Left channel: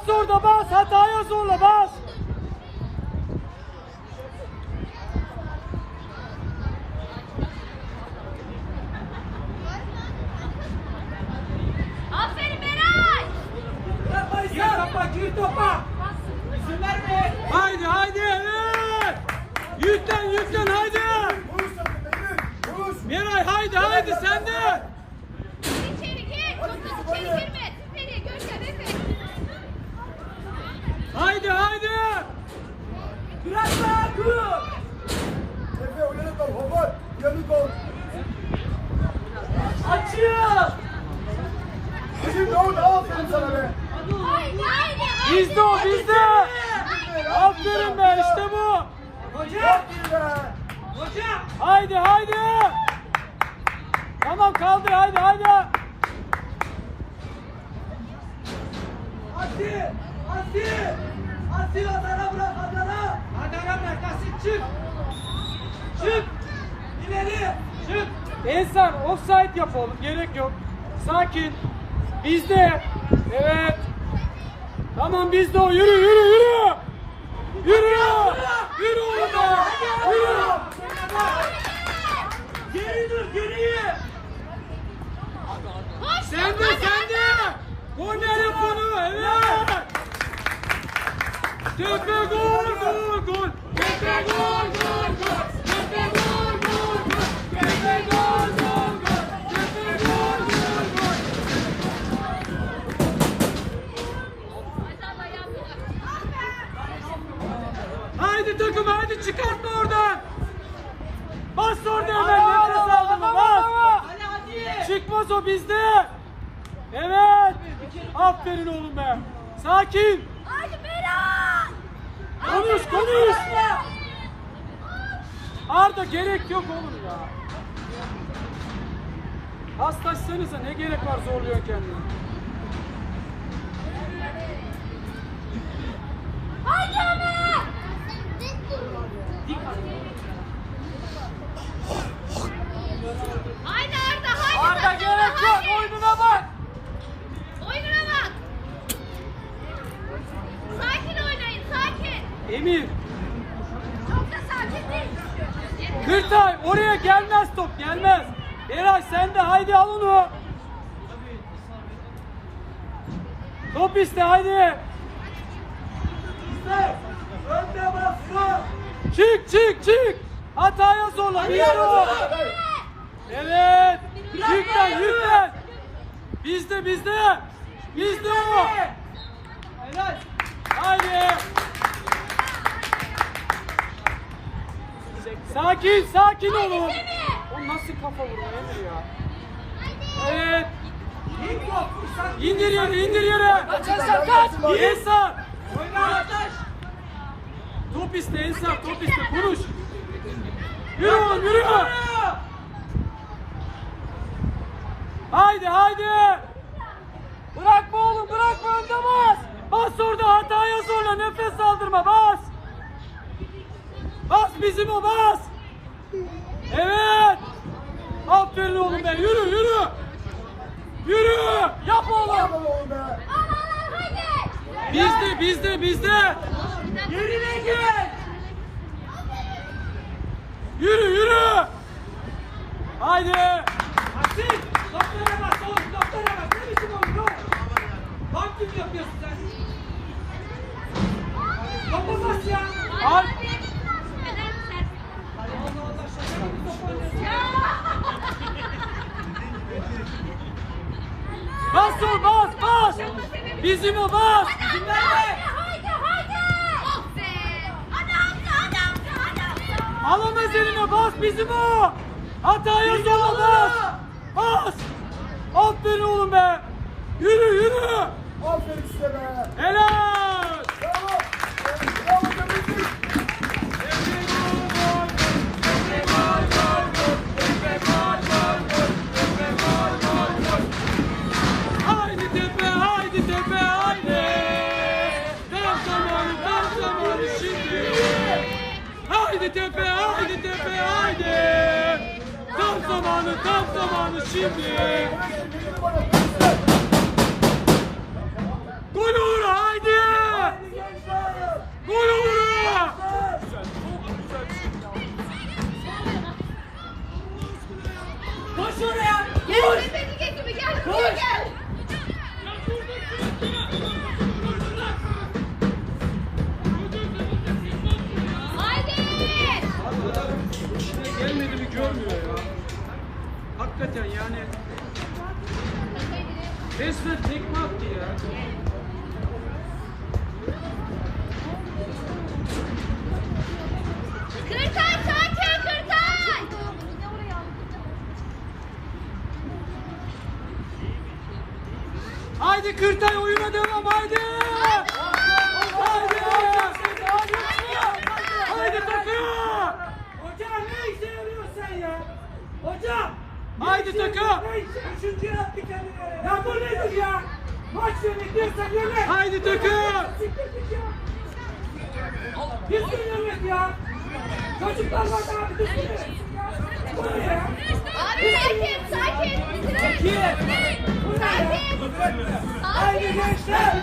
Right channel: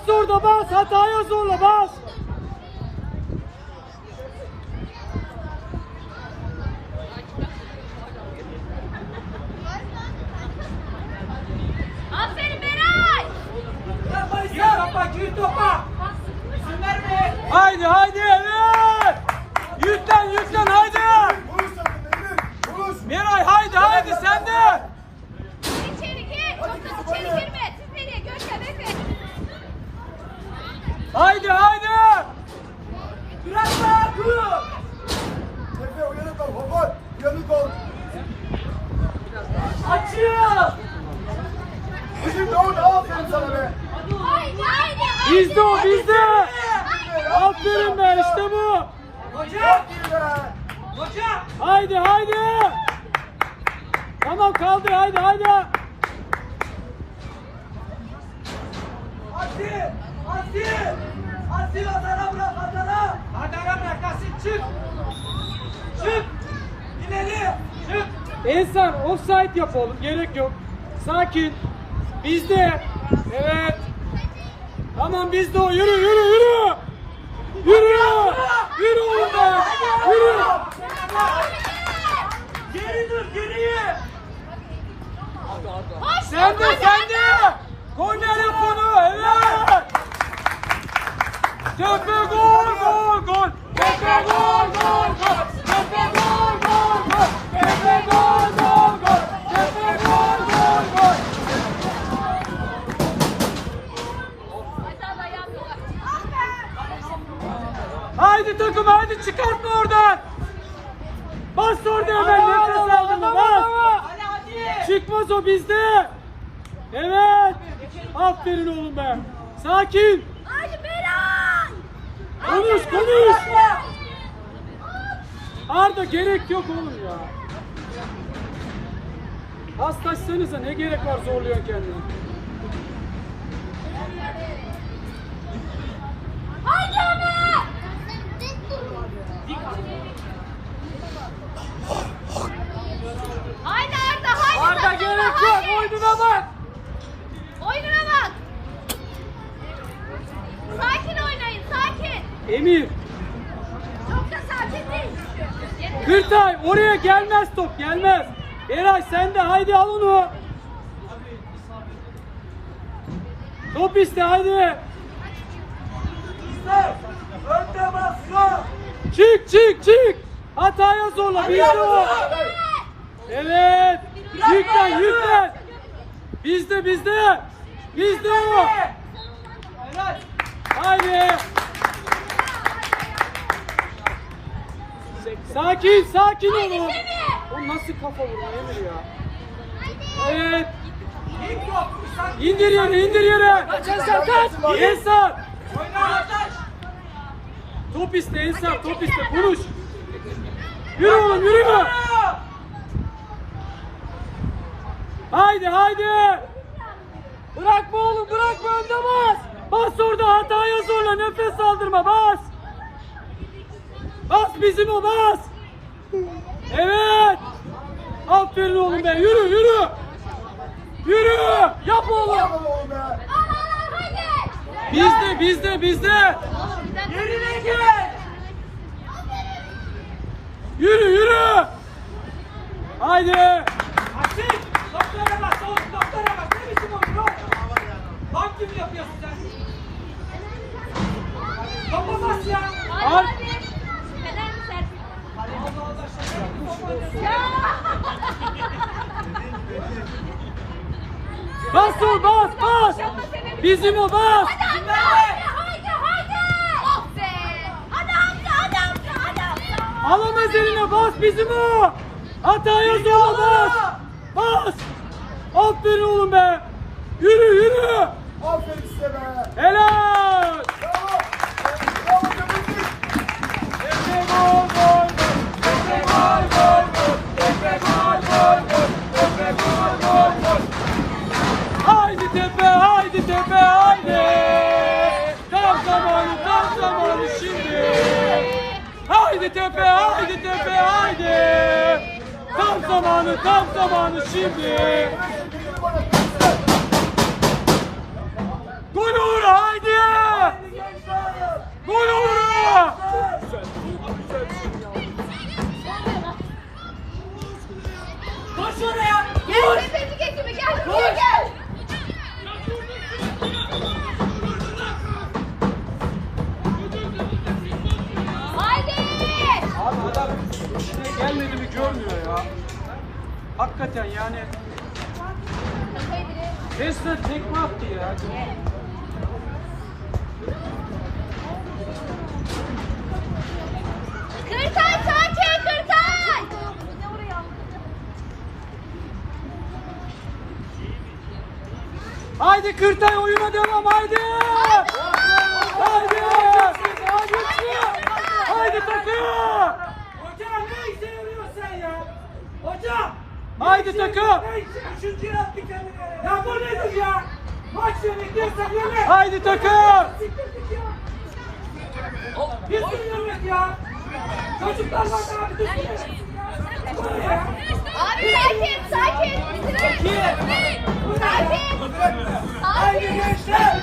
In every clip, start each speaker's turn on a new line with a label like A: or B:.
A: Bas orada bas. Hataya zorla bas.
B: Aferin Beray.
C: İzin topa, gir topa! İzin verme!
A: Haydi haydi evet. Yüklen yüklen haydi. Miray haydi haydi sen de.
B: İçeri gir. Çok içeri girme.
A: Haydi haydi.
C: Bırakma Yakup! Açıyor!
B: Haydi haydi.
A: Bizde o bizde. Aferin be işte bu.
C: Hocam! Hocam!
A: Haydi haydi. Tamam kaldı haydi haydi.
C: Asil! Asil! Asil Adana bırak Adana! Adana bırak Asil çık! Çık! İleri! Çık!
A: Ensar offside yapalım gerek yok. Sakin. Bizde. Evet. Tamam bizde o yürü yürü yürü. Yürü. Yürü oğlum be. Yürü.
C: Geri dur geriye!
A: Sen de sen de. Korner yap onu. Evet. Tepe gol gol gol. Tepe gol gol gol. Tepe gol gol gol. Tepe gol gol gol. Tepe gol gol gol. Haydi takım haydi çıkartma oradan. Bas orada hemen nefes aldırma bas. Çıkmaz o bizde. Evet. Aferin oğlum be. Sakin. Konuş konuş. Arda gerek yok oğlum ya. Paslaşsanıza ne gerek var zorluyor kendini.
B: Haydi Ömer. Haydi Arda haydi.
A: Arda gerek yok oyununa bak.
B: Oyununa bak. Sakin oynayın sakin.
A: Emir.
B: Çok da sakin değil.
A: Gültay oraya gelmez top gelmez. Eray sen de haydi al onu. Top iste haydi. Çık çık çık. Hataya zorla bizde o. Evet. Yüklen yüklen. Bizde bizde. Bizde o. Haydi. Sakin sakin olun. O nasıl kafa vuruyor ya? Evet. İndir yere indir yere. Kaç Ensar kaç. Ensar. Top iste Ensar top iste. Vuruş. Yürü oğlum yürü. Haydi haydi. Bırakma oğlum bırakma önde bas. Bas orada hataya zorla nefes aldırma bas. Bas bizim o bas. Evet. Aferin oğlum be yürü yürü. Yürü. Yap oğlum. Bizde bizde bizde.
C: Yerine gel!
A: Yürü yürü. Haydi.
B: Hadi
A: Al.
B: hadi. Fener mi Serpil? Ya.
A: Bas ol bas bas. Bizim o bas.
B: Oh be.
A: Alamaz eline bas bizim o. Hataya zorla bas. Bas. Aferin oğlum be. Yürü yürü. Helal. Haydi tepe, haydi tepe, haydi. Tam zamanı, tam zamanı şimdi. Gol olur haydi. Gol olur.
C: Koş oraya.
B: Gel, gel,
A: görmüyor ya. Hakikaten yani resmen tekme attı ya.
B: Kırkan sakin, kırkan.
A: Haydi Kırtay oyuna devam haydi. Haydi. Haydi. Haydi takım.
C: Hocam ne işe yarıyorsun sen ya? Hocam.
A: Haydi takım.
C: Üçüncü yaptık ya. bu nedir ya? Maç yönetiyorsa böyle.
A: Haydi takım.
C: Biz duyuyoruz ya. Çocuklar var bir düşünün.
B: Abi sakin, sakin. Sakin.
C: Haydi
B: Sakin.
C: gençler.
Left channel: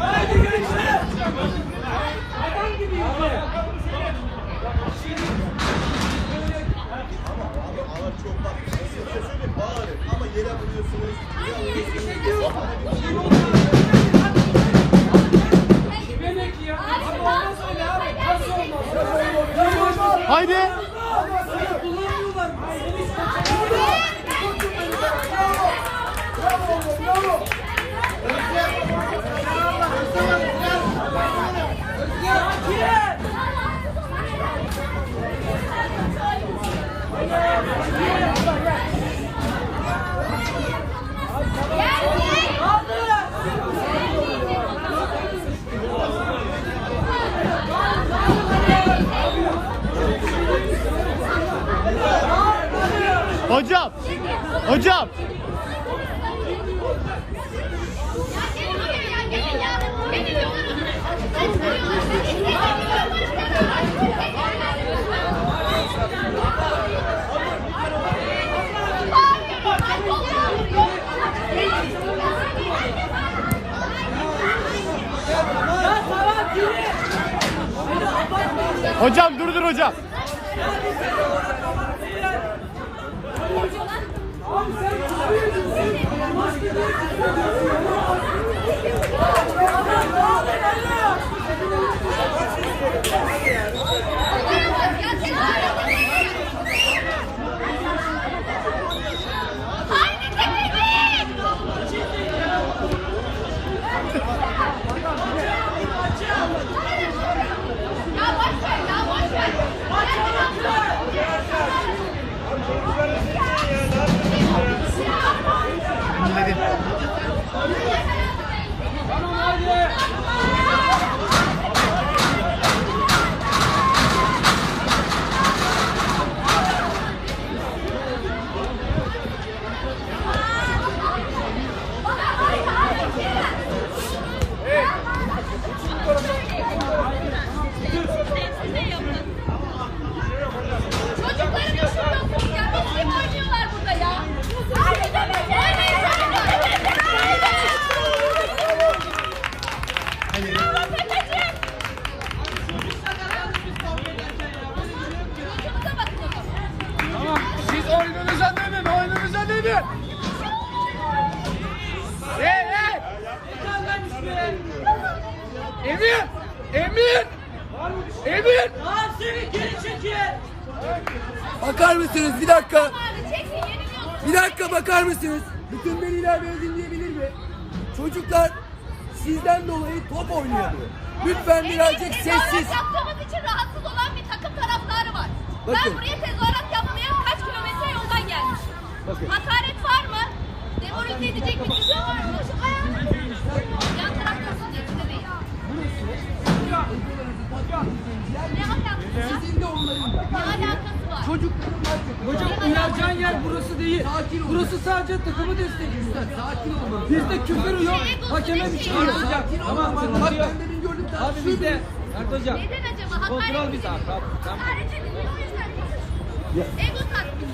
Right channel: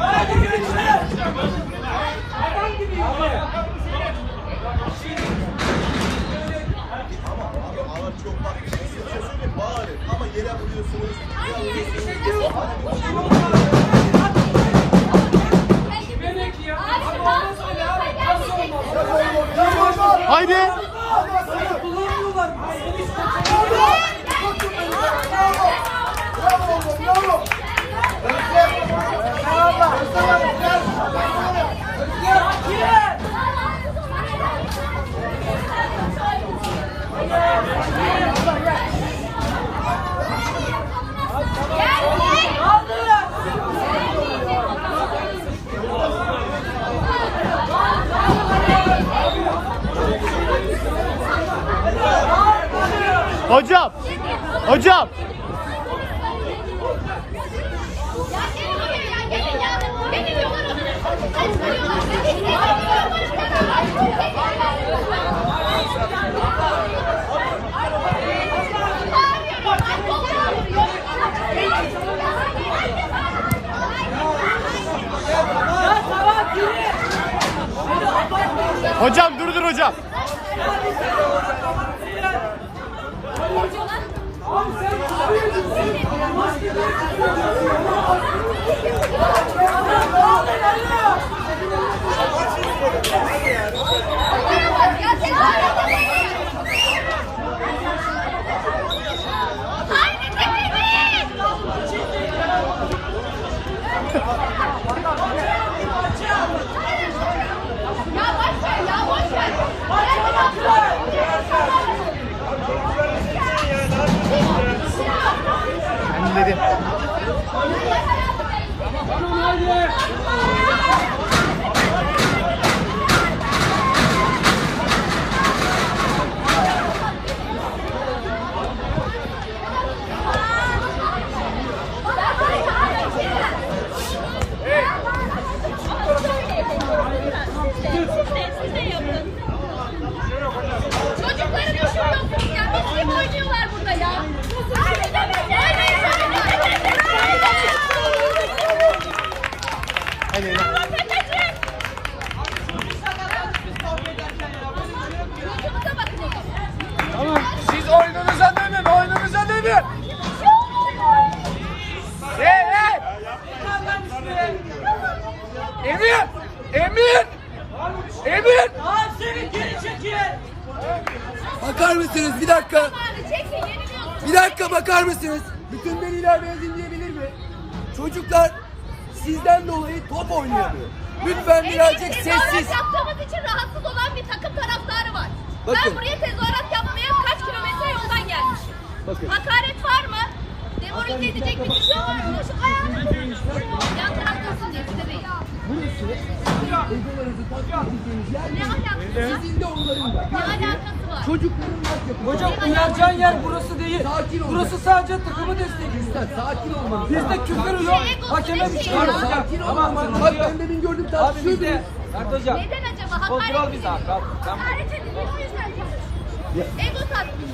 C: Haydi gençler.
D: Hocam. Hocam.
B: Ya gelin buraya ya, gelin ya. Gelin yukarı.
D: Hocam
A: Thank you. Emir. Emir.
C: Aa seni geri çekil.
E: Bakar mısınız bir dakika?
B: Çekin.
E: Bir dakika bakar mısınız? Bütün veliler beni dinleyebilir mi? Çocuklar sizden dolayı top oynayamıyor. Lütfen birazcık sessiz.
B: Yaptığımız için rahatsız olan bir takım taraftarı var.
E: Bakın.
B: Ben buraya tezahürat yapmaya kaç kilometre yoldan gelmişim.
E: Bakın.
B: Hakaret var mı? Demoralize edecek bir şey var mı? Yan taraftasın gösteriyor.
E: Burası egelerinizi tatmin edeceğiniz yer değil. Sizin de onların da.
B: Ne alakası var?
E: Çocukların maç
A: Hocam uyaracağın yer burası değil.
E: Sakin ol.
A: Burası sadece takımı destekliyor.
E: Üstad sakin olmanız
A: Bizde küfür yok.
B: Şey,
A: Hakeme
B: şey
A: şey
B: ya.
A: yok.
E: Sakin olmanız. Bak ben demin gördüm
A: bizde
C: Mert hocam.
B: Neden acaba? Hakaret
C: tamam.
B: Hakaret ediliyor o yüzden. Ego tatmini.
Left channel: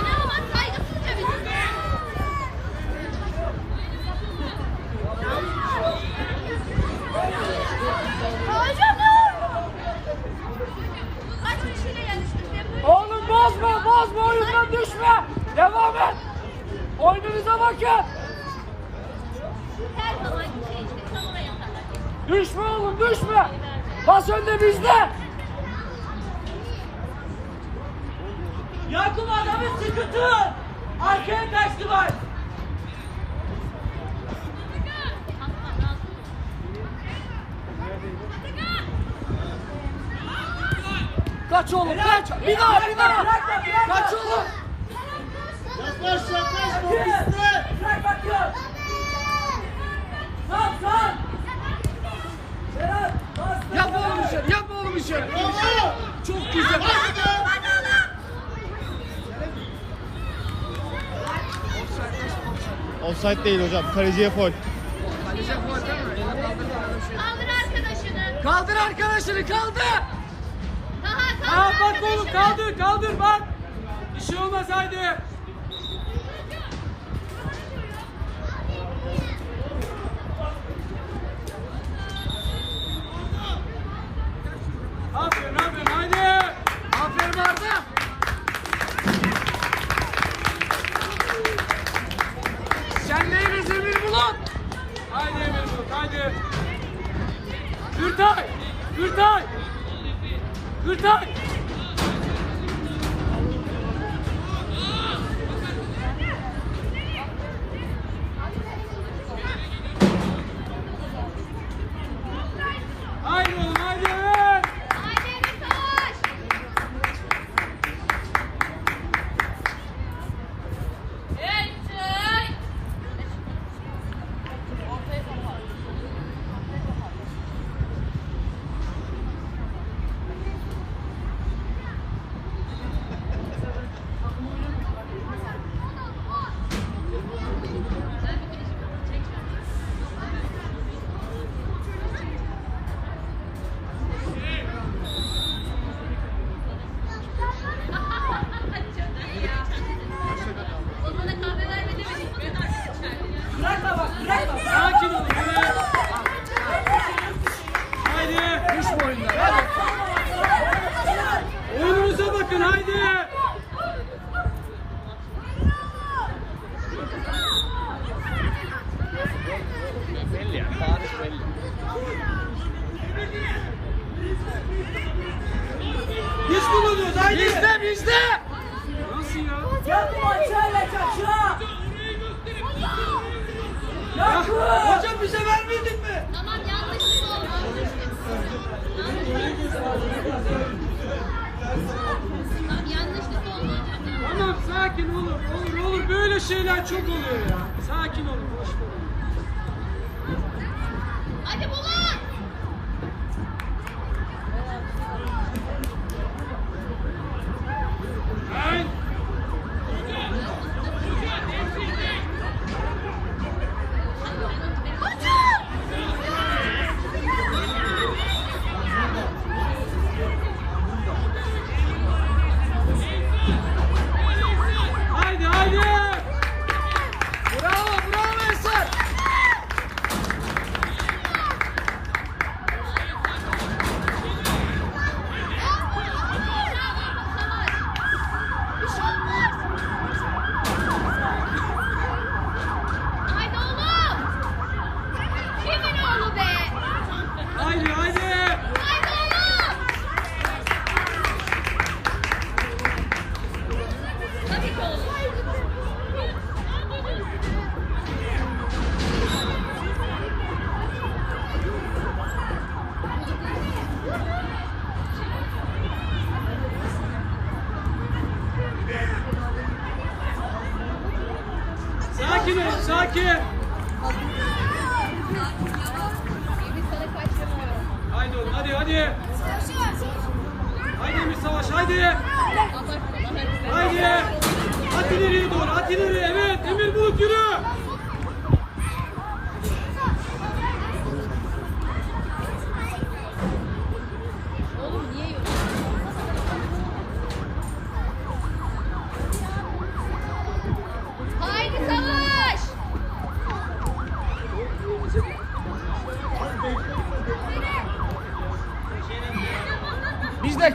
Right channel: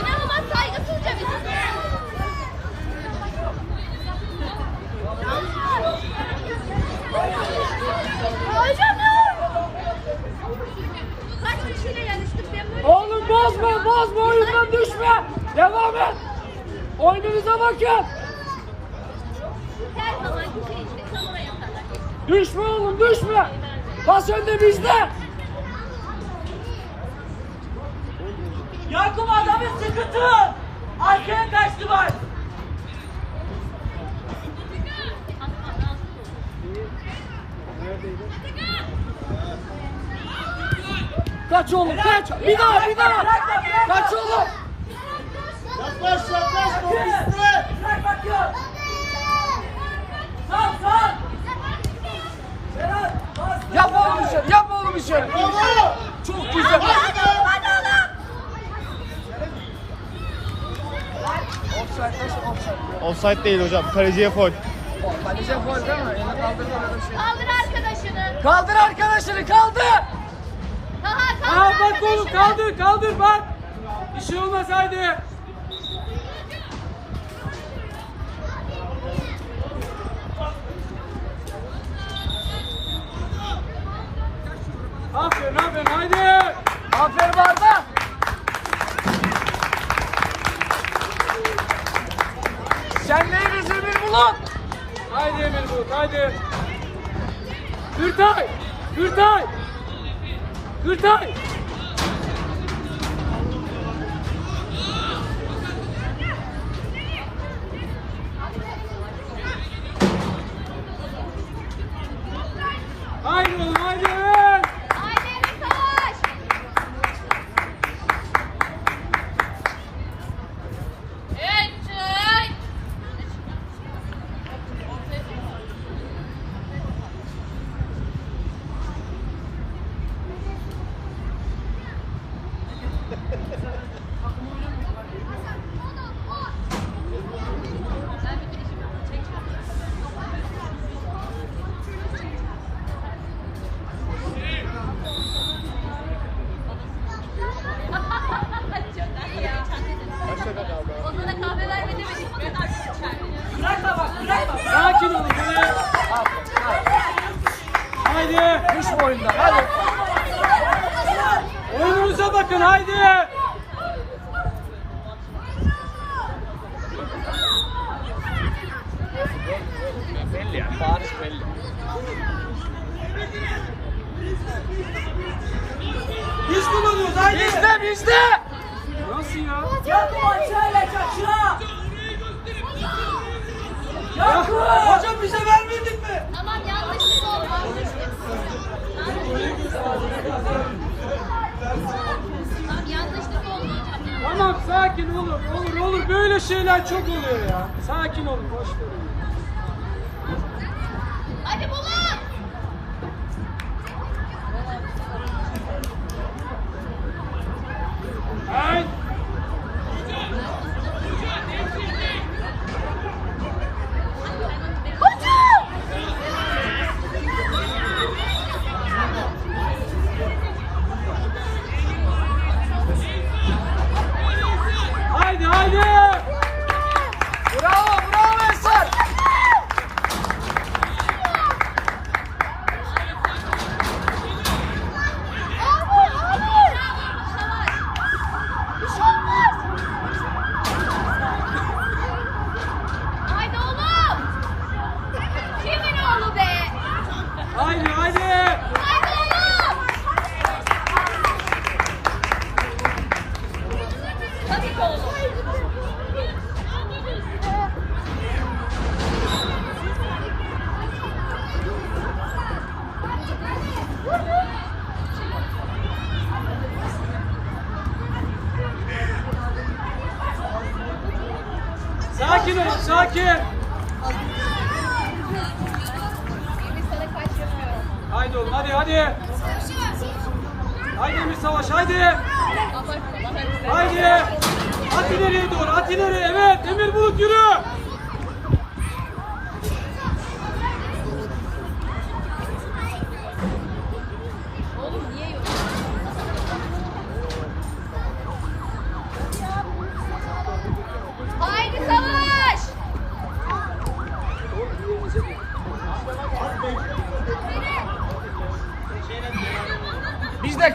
B: İnanılmaz saygısızca bir durum. Hocam Kaç kişiyle yarıştık ben böyle
A: Oğlum bozma bozma oyundan düşme. Devam et. Oyununuza bakın.
B: her zaman kişinin içinde çamura yatarlar.
A: Düşme oğlum düşme. Pas önde bizde.
C: Yakup adamın sıkıntı. Arkaya kaçtı var.
A: Kaç oğlum kaç. Bir daha bir daha. Kaç oğlum.
C: Yaklaş yaklaş. Bırak bakıyor. Sağ sağ. Serhat, bas.
A: Yap oğlum oğlum işleri. Çok güzel.
B: Hadi oğlum hadi oğlum.
D: Offside değil hocam. Kaleciye foul.
A: Kaleci gol değil mi? Elini kaldırdı böyle bir şey.
B: Kaldır arkadaşını.
A: Kaldır arkadaşını kaldır.
B: Aha
A: Aa bak oğlum kaldır kaldır bak. Bir şey olmaz haydi. Aferin aferin haydi. Aferin Arda. Sen neyiniz Emir Bulut? Haydi Emir Bulut haydi. Gürtay. Gürtay. Gürtay. Haydi oğlum haydi. evet.
B: Hadi savaş. Ona kahve vermedi.
A: Sakin olun böyle. Haydi. Düşme oyundan hadi. Oyununuza bakın haydi.
C: Biz kullanıyoruz haydi.
A: Bizde bizde. Nasıl ya?
C: Yakup aşağıya aşağı. Yakup hocam bize vermedin mi?
B: Aman yanlışlık oldu. Aman yanlışlık oldu.
A: Tamam sakin olun. Olur olur böyle şeyler çok oluyor ya. Sakin olun boş verin.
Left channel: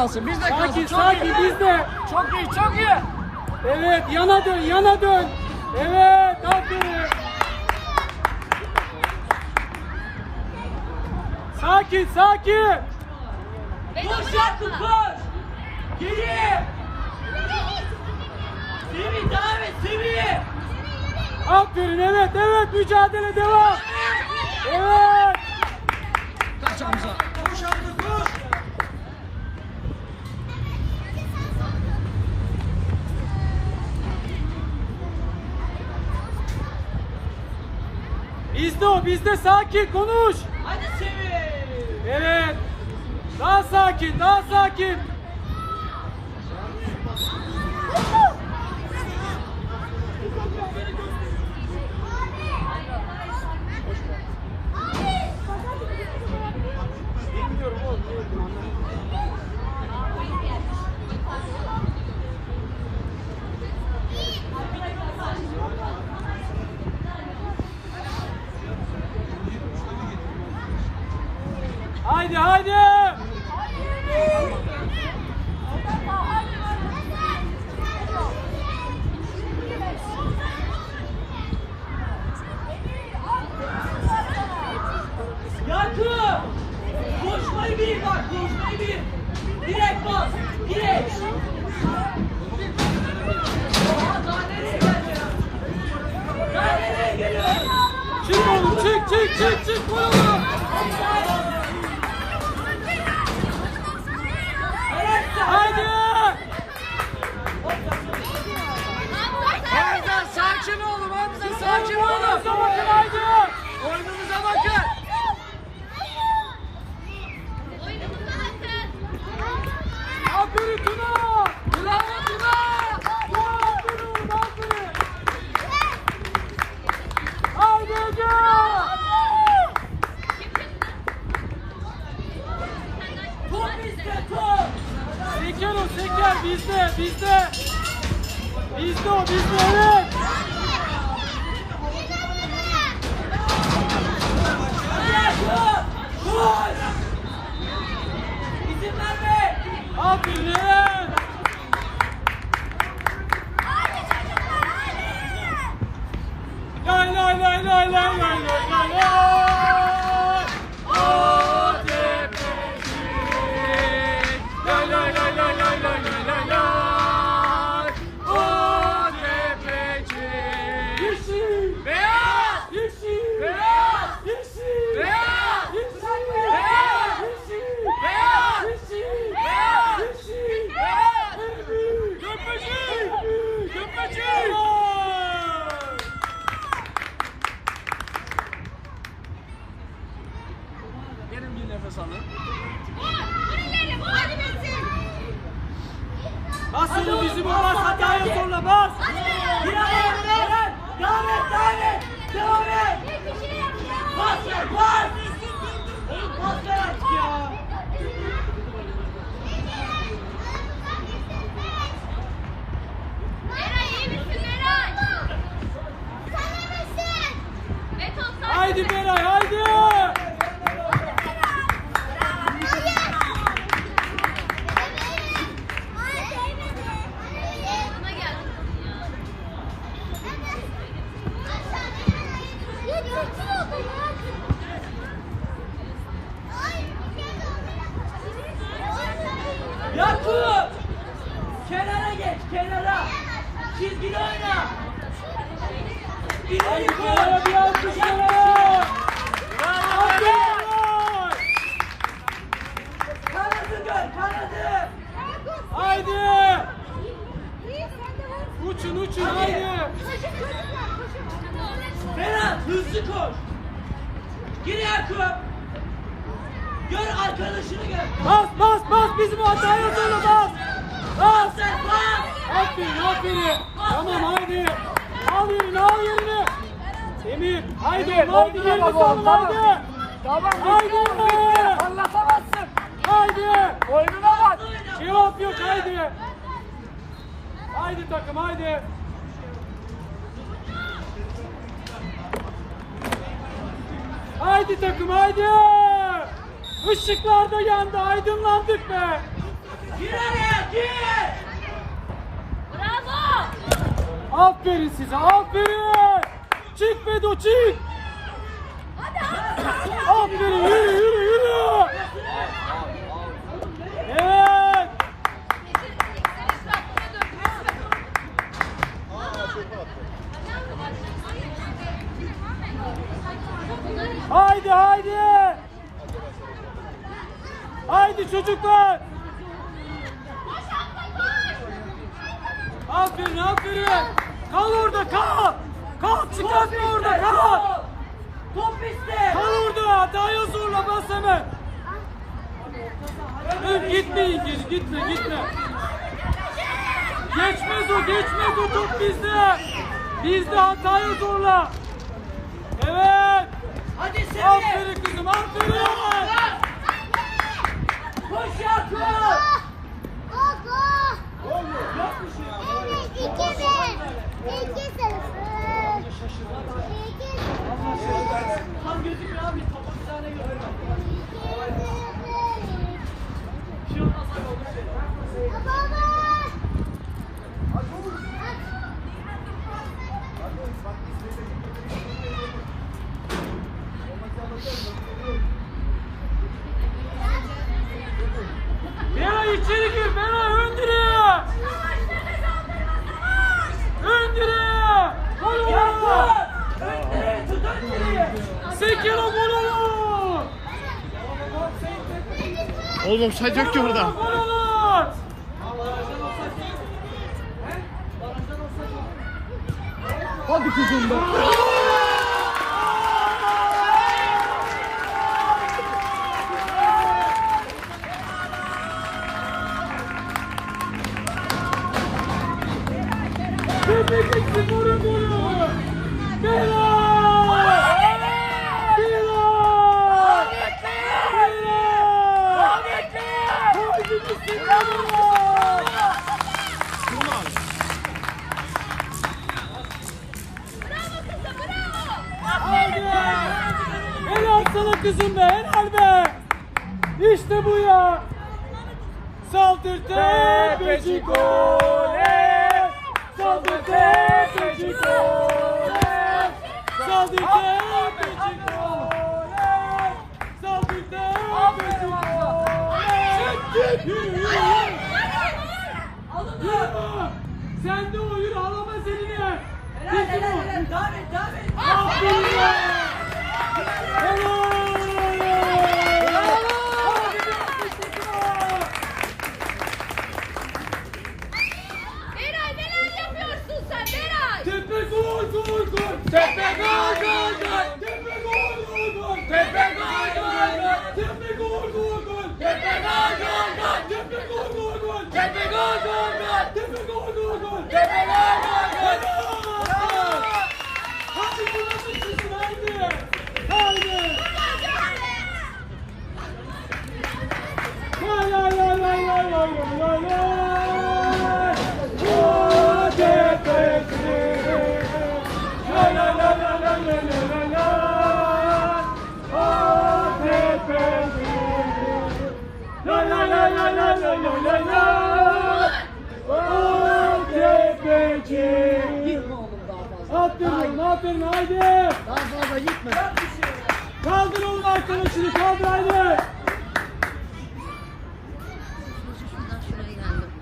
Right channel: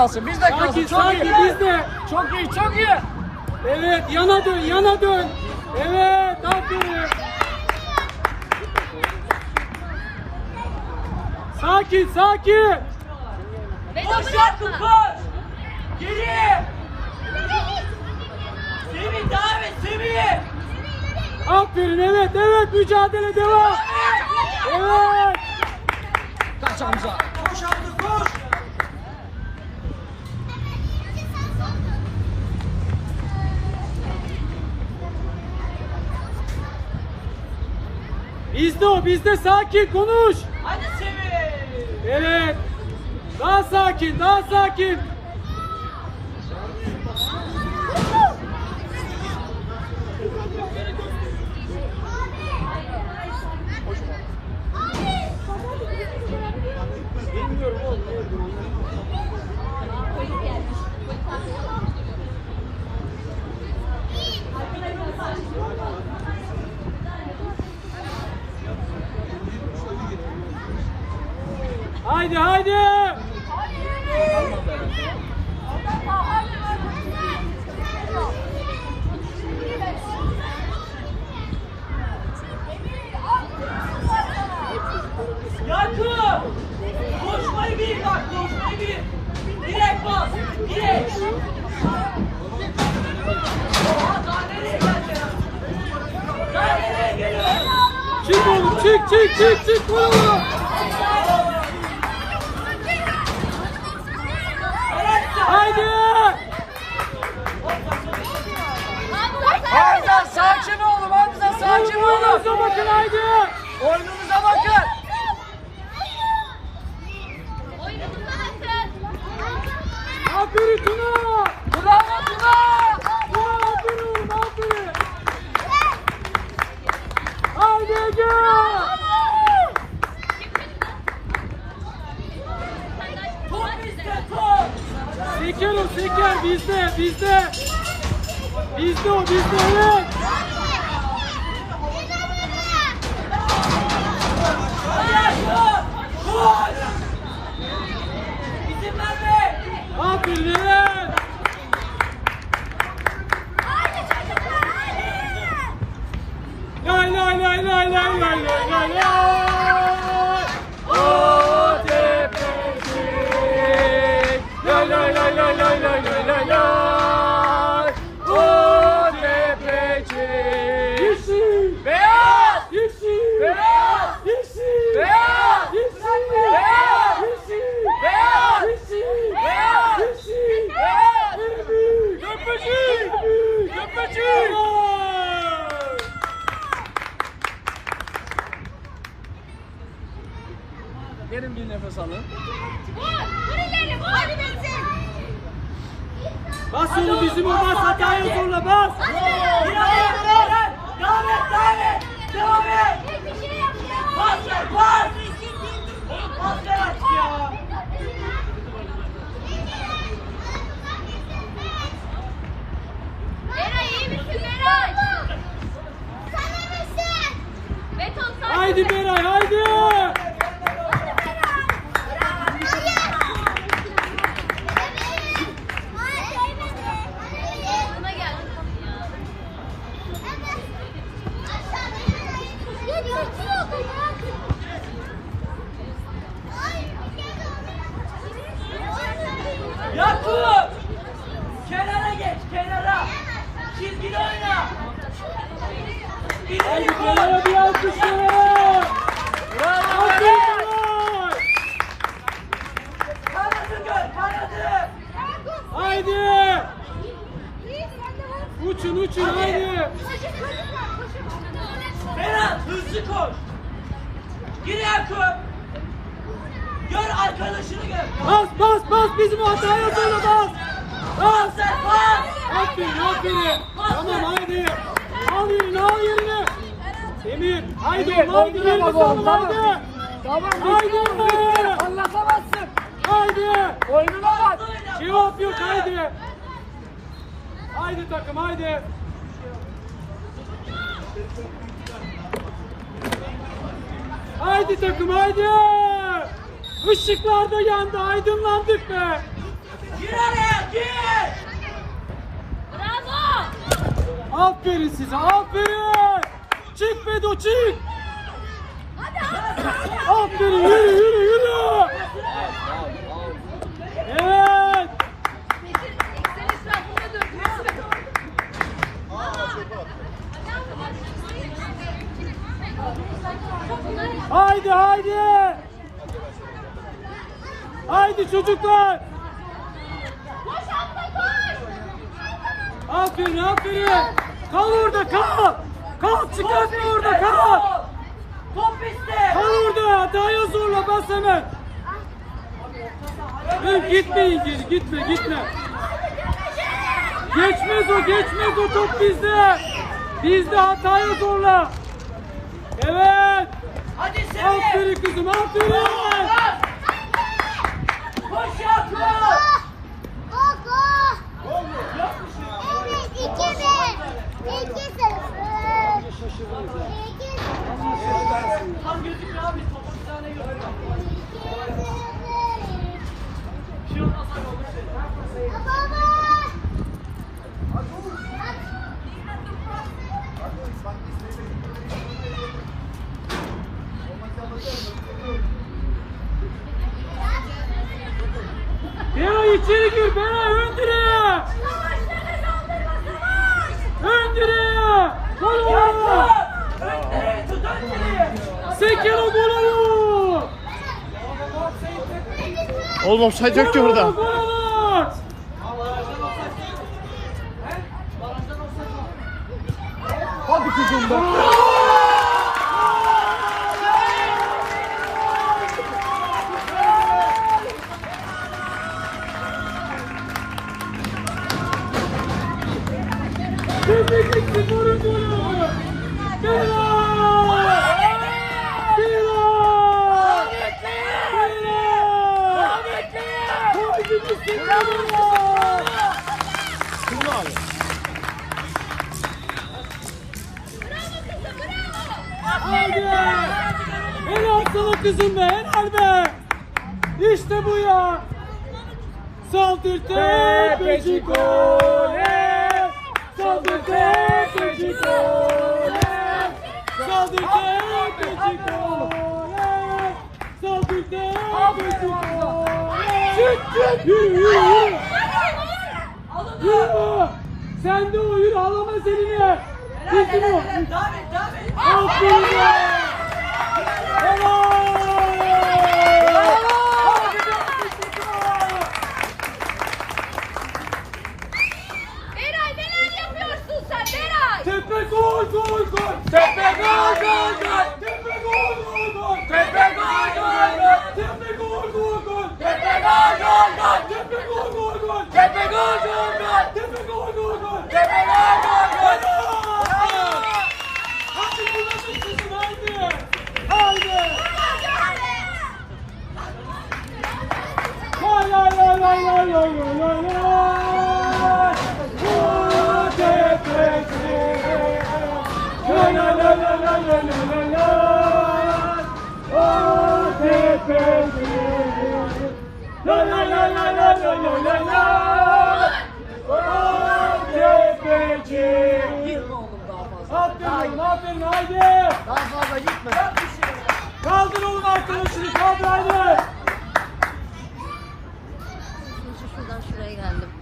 C: kalsın. Bizde kalsın.
A: Sanki,
C: çok
A: sanki
C: iyi.
A: Bizde.
C: Çok iyi, çok iyi.
A: Evet, yana dön, yana dön. Evet, hadi. Sakin, sakin.
C: Koş
B: yaptın,
C: koş. Geri. Sivri, devam et, sivri.
A: Aferin, evet, evet. Mücadele devam. Evet.
C: Kaç Hamza.
A: Bizde o, bizde sakin konuş.
C: Hadi
A: Evet. Daha sakin, daha sakin.
C: bizde,
A: bizde. Bizde o, bizde evet. Emir. Haydi. Haydi. Haydi.
C: Tamam.
A: Haydi.
C: Anlatamazsın.
A: Haydi.
C: Oyununa bak.
A: Şey Cevap yok. Haydi. Haydi takım. Haydi. Haydi takım. Haydi. Işıklarda yandı. Aydınlandık be.
C: Gir
B: Bravo.
A: Aferin size. Aferin. Çık Bedo çık. Aferin yürü yürü yürü. Evet. Haydi haydi. Haydi çocuklar.
B: Koş abla koş.
A: Aferin aferin. Kal orada kal. Kal çıkartma orada kal.
C: Top bizde.
A: Kal orada hataya zorla bas hemen. Dur gitmeyin geri gitme gitme. Geçmez o geçmez o top bizde. Bizde hataya zorla. Evet. Aferin kızım aferin. Ondan sonra dersin.
D: Oğlum offside yok ki burada.
E: kızım be
A: nerede? İşte bu ya. Saldırte peki kole. Saldırte peki kole. Saldırte peki kole. Saldırte peki kole. Çık çık. Yürü yürü yürü. Yürü. Sen de o yürü ağlama seninle. Bitti bu. Aferin be.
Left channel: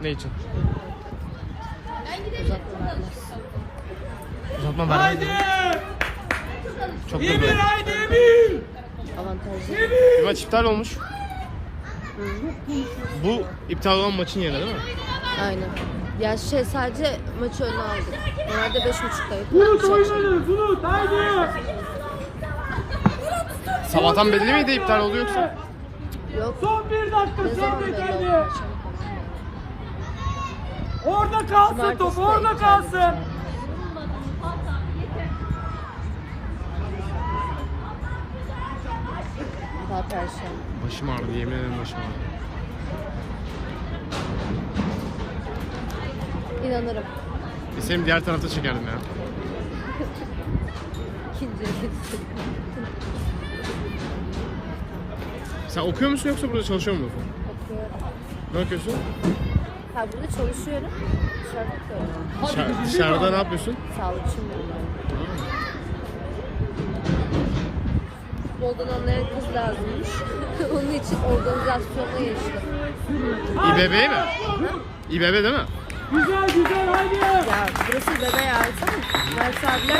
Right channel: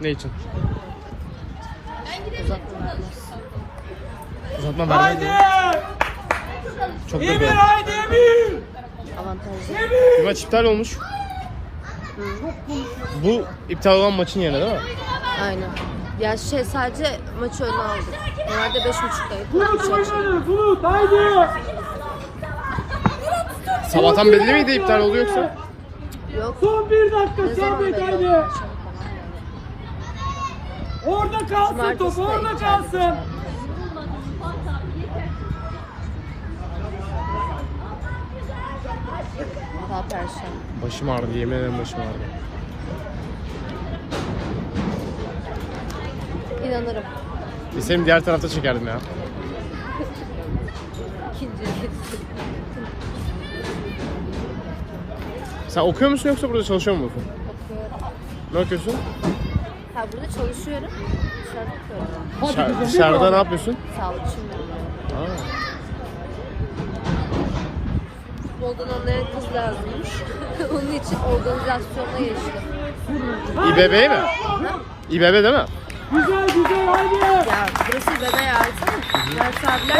D: Ne için? Uzatma vermedi.
A: Haydi.
D: Çok da
A: Emir haydi Emir. Emir.
D: Bir maç iptal olmuş. Bu iptal olan maçın yerine değil mi?
F: Aynen. Ya şey sadece maç oynamadı. Nerede beş buçuktaydı.
A: Bulut oynadı Bulut haydi.
D: Sabahtan belli miydi iptal
A: haydi.
D: yoksa?
F: Yok.
A: Son bir dakika Sabit haydi. Orada kalsın top orada kalsın.
D: Başım ağrıdı yemin ederim başım ağrıdı.
F: İnanırım.
D: Bilseydim diğer tarafta çekerdim ya. Sen okuyor musun yoksa burada çalışıyor musun? Ne okuyorsun?
F: Burada çalışıyorum.
D: Ser- ne yapıyorsun?
F: Sağlıkçıyım.
D: Aa.
F: Futboldan anlayan kız lazımmış. Onun için organizasyonda yaşıyor.
D: İBB mi? İBB değil mi?
A: Güzel güzel haydi.
F: Ya burası bebe hayatı. Ben sadece